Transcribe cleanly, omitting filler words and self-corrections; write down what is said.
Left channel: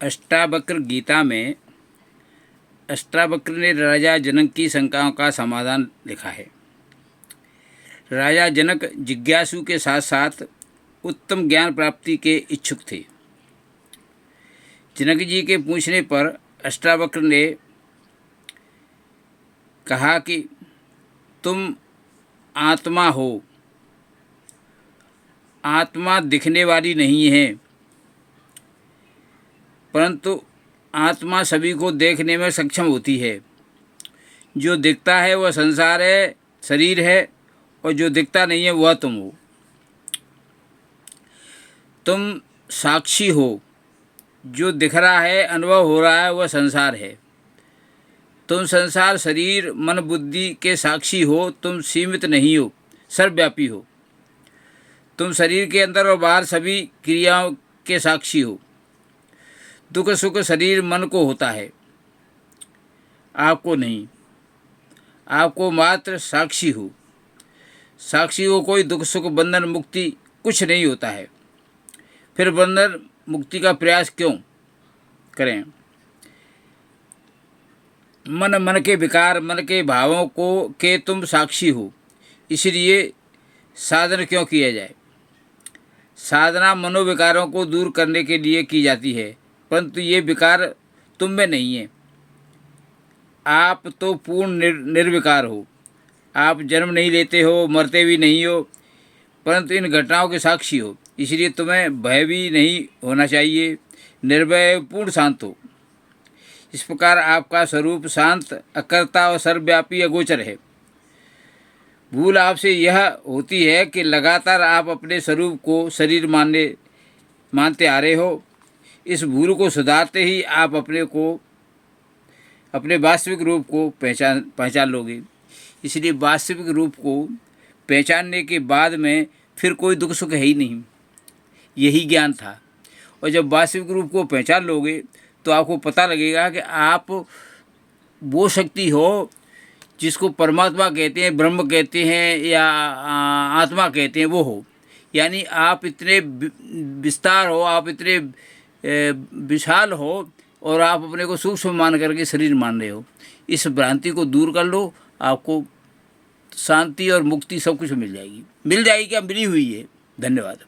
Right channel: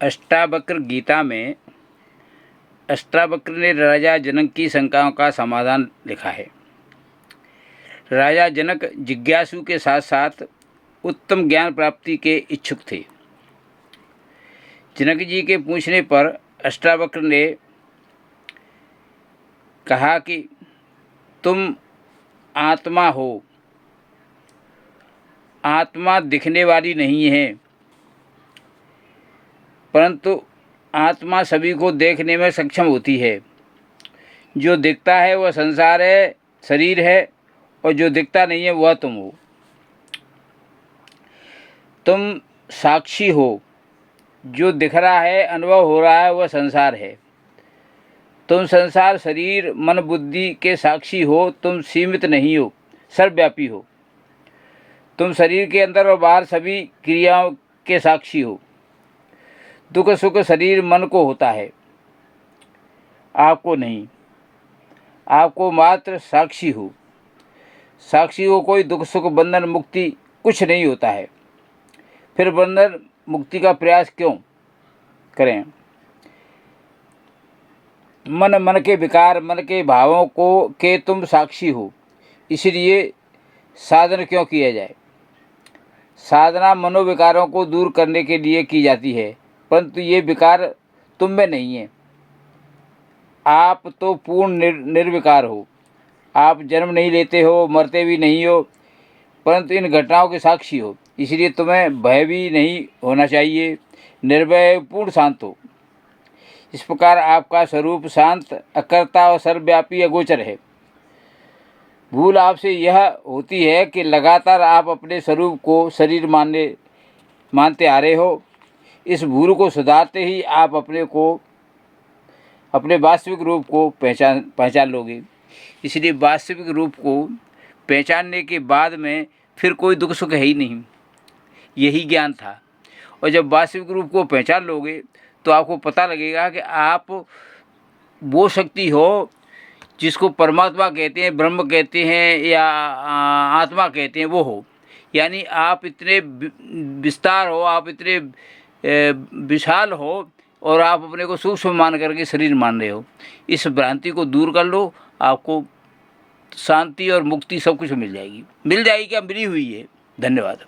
अष्टावक्र गीता में अष्टावक्र ने राजा जनक की शंकाओं का समाधान लिखा है। राजा जनक जिज्ञासु के साथ साथ उत्तम ज्ञान प्राप्ति के इच्छुक थे। जनक जी के पूछने पर अष्टावक्र ने कहा कि तुम आत्मा हो। आत्मा दिखने वाली नहीं है, परंतु आत्मा सभी को देखने में सक्षम होती है। जो दिखता है वह संसार है, शरीर है, और जो दिखता नहीं है वह तुम हो। तुम साक्षी हो। जो दिख रहा है, अनुभव हो रहा है, वह संसार है। तुम संसार, शरीर, मन, बुद्धि के साक्षी हो। तुम सीमित नहीं हो, सर्वव्यापी हो। तुम शरीर के अंदर और बाहर सभी क्रियाओं के साक्षी हो। दुख सुख शरीर मन को होता है, आपको नहीं। आपको मात्र साक्षी हो। साक्षी को कोई दुख सुख बंधन मुक्ति कुछ नहीं होता है। फिर बंधन मुक्ति का प्रयास क्यों करें? मन के विकार, मन के भावों के तुम साक्षी हो। इसलिए साधन क्यों किया जाए? साधना मनोविकारों को दूर करने के लिए की जाती है, परंतु ये विकार तुम में नहीं है। आप तो पूर्ण निर्विकार हो। आप जन्म नहीं लेते हो, मरते भी नहीं हो, परंतु इन घटनाओं के साक्षी हो। इसलिए तुम्हें भय भी नहीं होना चाहिए। निर्भय, पूर्ण शांत हो। इस प्रकार आपका स्वरूप शांत, अकर्ता और सर्वव्यापी अगोचर है। भूल आपसे यह होती है कि लगातार आप अपने स्वरूप को शरीर मानते आ रहे हो। इस भूल को सुधारते ही आप अपने वास्तविक रूप को पहचान लोगे। इसलिए वास्तविक रूप को पहचानने के बाद में फिर कोई दुख सुख है ही नहीं। यही ज्ञान था। और जब वास्तविक रूप को पहचान लोगे तो आपको पता लगेगा कि आप वो शक्ति हो जिसको परमात्मा कहते हैं, ब्रह्म कहते हैं या आत्मा कहते हैं, वो हो। यानी आप इतने विस्तार हो, आप इतने विशाल हो, और आप अपने को सूक्ष्म मान करके शरीर मान रहे हो। इस भ्रांति को दूर कर लो, आपको शांति और मुक्ति सब कुछ मिल जाएगी। क्या मिली हुई है। धन्यवाद।